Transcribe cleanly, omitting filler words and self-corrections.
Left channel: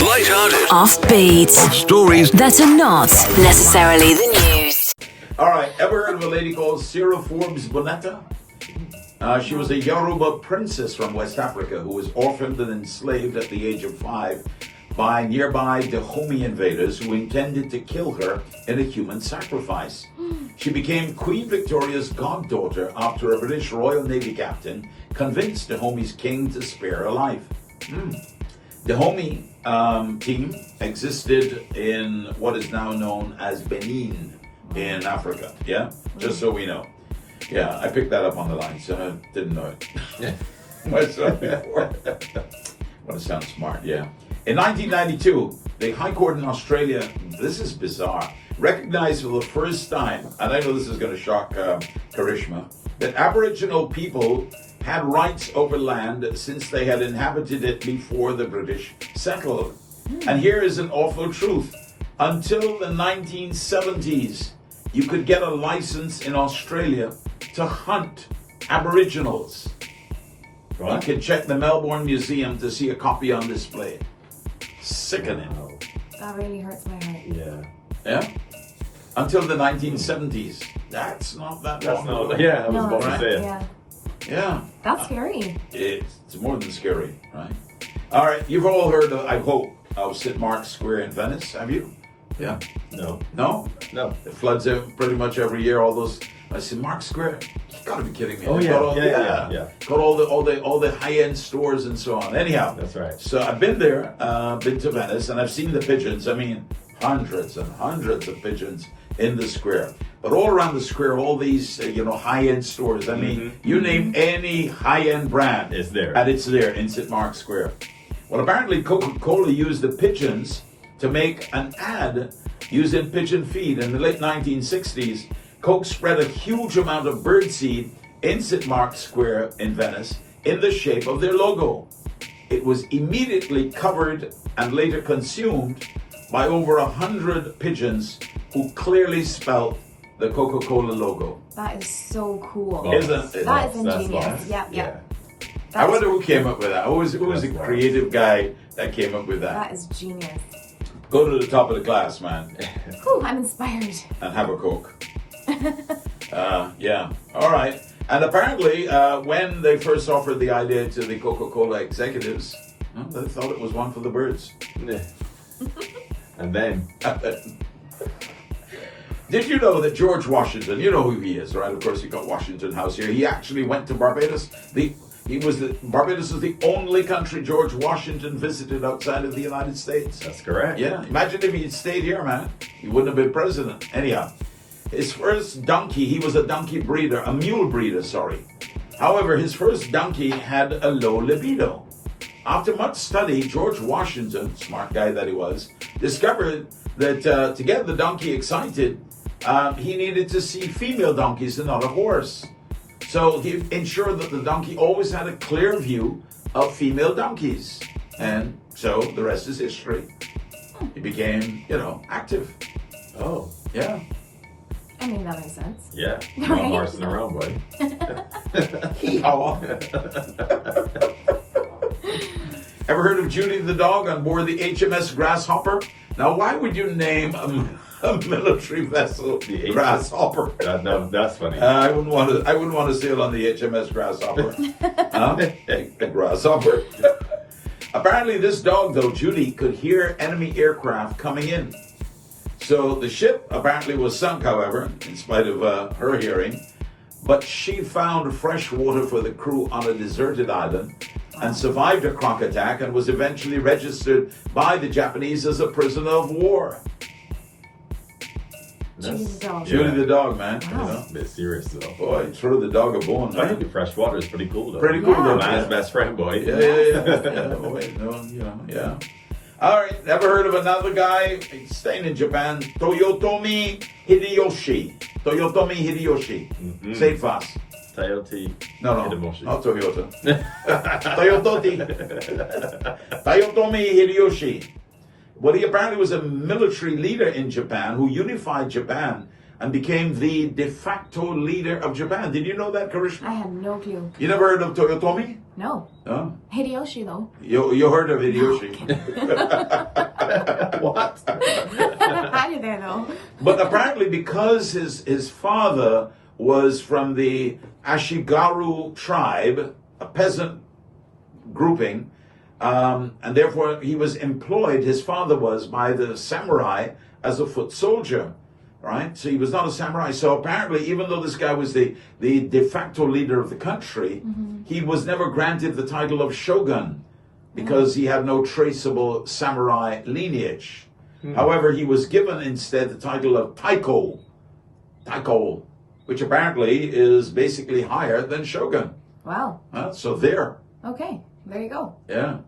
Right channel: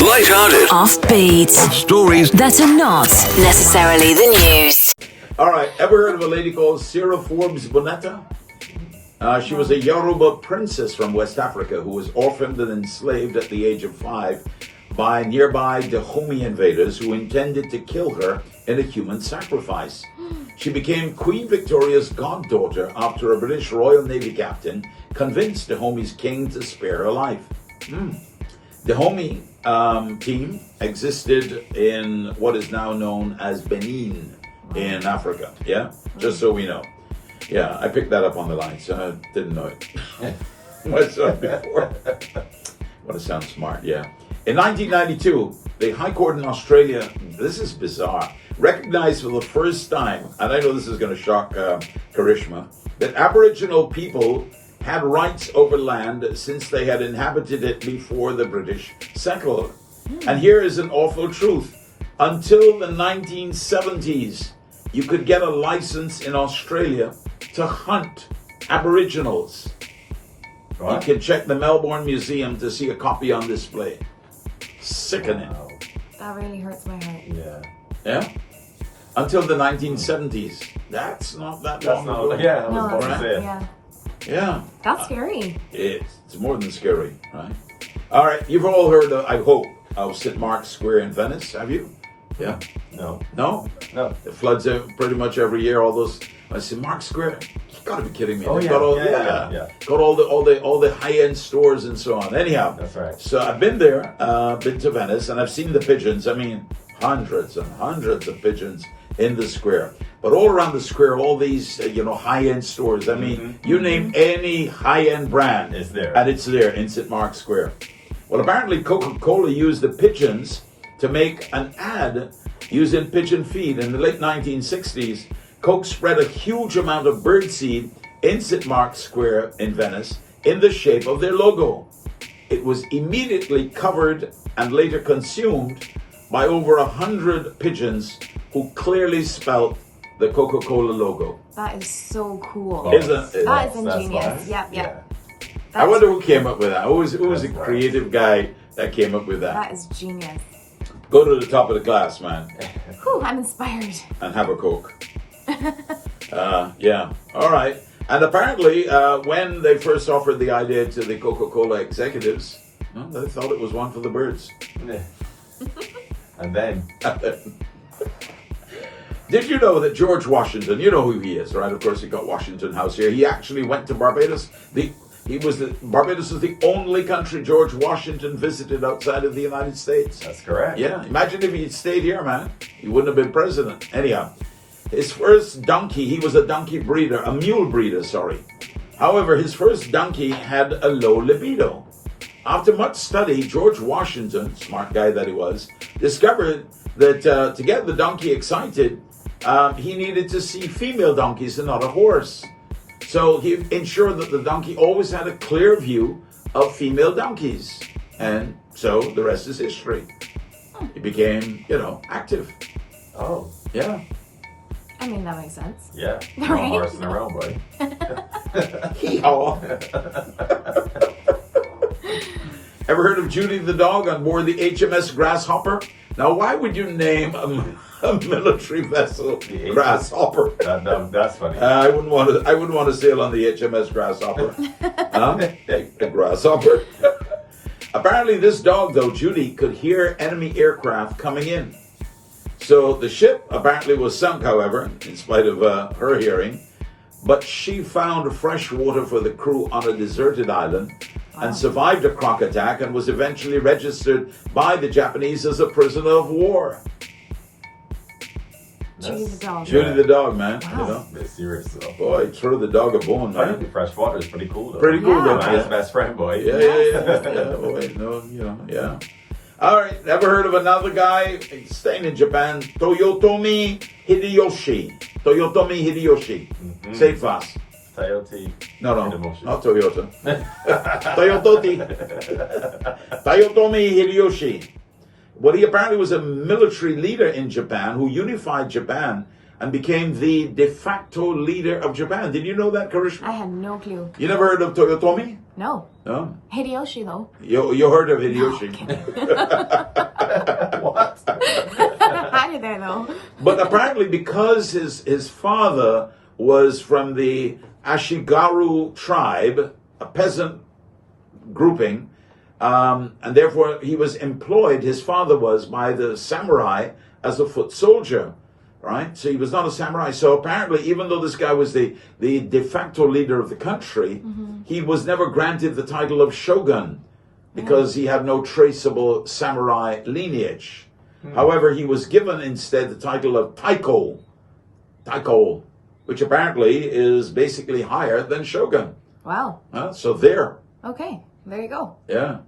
Light-hearted. Offbeat. Stories That are not necessarily the news. All right, ever heard of a lady called Cyril Forbes Bonetta? She was a Yoruba princess from West Africa who was orphaned and enslaved at the age of 5 by nearby Dahomey invaders who intended to kill her in a human sacrifice. She became Queen Victoria's goddaughter after a British Royal Navy captain convinced Dahomey's king to spare her life. Dahomey team existed in what is now known as Benin in Africa. Yeah, just so we know. Yeah, I picked that up on the line, so I didn't know it. Myself before. What a sound smart, yeah. In 1992, the High Court in Australia, this is bizarre, recognized for the first time, and I know this is going to shock Karishma, that Aboriginal people had rights over land since they had inhabited it before the British settled. And here is an awful truth. Until the 1970s, you could get a license in Australia to hunt Aboriginals. You can check the Melbourne Museum to see a copy on display. Sickening. Wow. That really hurts my heart. Yeah. Yeah? Until the 1970s. That's not that That's long not. ago. Yeah, I was about to right. say it. Yeah. Yeah. That's scary. It's more than scary, right? All right, you've all heard, I hope, of St. Mark's Square in Venice, have you? Yeah. No. No? No. It floods pretty much every year. All those. I said, Mark Square. You gotta be kidding me. Oh, They've yeah. got all, Yeah. Got all the high-end stores and so on. Anyhow, That's right. So I've been there, been to Venice, and I've seen the pigeons. I mean, hundreds and hundreds of pigeons in the square. But all around the square, all these high-end stores. I mean, you name any high-end brand, It's there. and it's there in St. Mark's Square. Well, apparently Coca-Cola used the pigeons to make an ad using pigeon feed. In the late 1960s, Coke spread a huge amount of birdseed in St. Mark's Square in Venice in the shape of their logo. It was immediately covered and later consumed by over 100 pigeons who clearly spelt the Coca-Cola logo. That is so cool. Isn't it? That is That's ingenious. nice. Yep. Yeah. I wonder who came up with that. Who was the That's creative guy that came up with that? That is genius. Go to the top of the class, man, Whew, I'm inspired. and have a Coke. Yeah. All right. And apparently, when they first offered the idea to the Coca-Cola executives, they thought it was one for the birds. Yeah. And then. Did you know that George Washington, you know who he is, right? Of course, he got Washington House here. He actually went to Barbados. Barbados is the only country George Washington visited outside of the United States. That's correct. Yeah, imagine if he'd stayed here, man. He wouldn't have been president. Anyhow, his first donkey, he was a donkey breeder, a mule breeder, sorry. However, his first donkey had a low libido. After much study, George Washington, smart guy that he was, discovered that to get the donkey excited, he needed to see female donkeys and not a horse. So he ensured that the donkey always had a clear view of female donkeys. And so the rest is history. He became, active. Oh. Yeah. I mean, that makes sense. Yeah. Right. No horsing around, boy. Hee-haw. Ever heard of Judy the dog on board the HMS Grasshopper? Now, why would you name a military vessel The Grasshopper? That's funny. I wouldn't want to sail on the HMS Grasshopper. A grasshopper. Apparently, this dog, though, Judy, could hear enemy aircraft coming in. So the ship apparently was sunk, however, in spite of her hearing. But she found fresh water for the crew on a deserted island and survived a croc attack and was eventually registered by the Japanese as a prisoner of war. Judy the dog. Judy the dog, man. Wow. A bit serious though. Boy, throw the dog a bone, I think man. the fresh water is pretty cool though. Pretty cool, Yeah. though, Man's man. best friend, boy. Yeah. Boy, yeah. All right, ever heard of another guy staying in Japan? Toyotomi Hideyoshi. Toyotomi Hideyoshi. Say it fast. Toyota. No, Hideyoshi. not Toyota. Toyotomi Hideyoshi. Well, he apparently was a military leader in Japan who unified Japan and became the de facto leader of Japan. Did you know that, Karishma? I had no clue. You never heard of Toyotomi? No. No? Hideyoshi, though. You heard of Hideyoshi. know. But apparently, because his father was from the Ashigaru tribe, a peasant grouping, and therefore he was employed, his father was, by the samurai as a foot soldier, right? So he was not a samurai. So apparently, even though this guy was the de facto leader of the country, he was never granted the title of shogun because he had no traceable samurai lineage. However, he was given instead the title of taiko, which apparently is basically higher than shogun. Wow. So there. Okay. There you go. Yeah.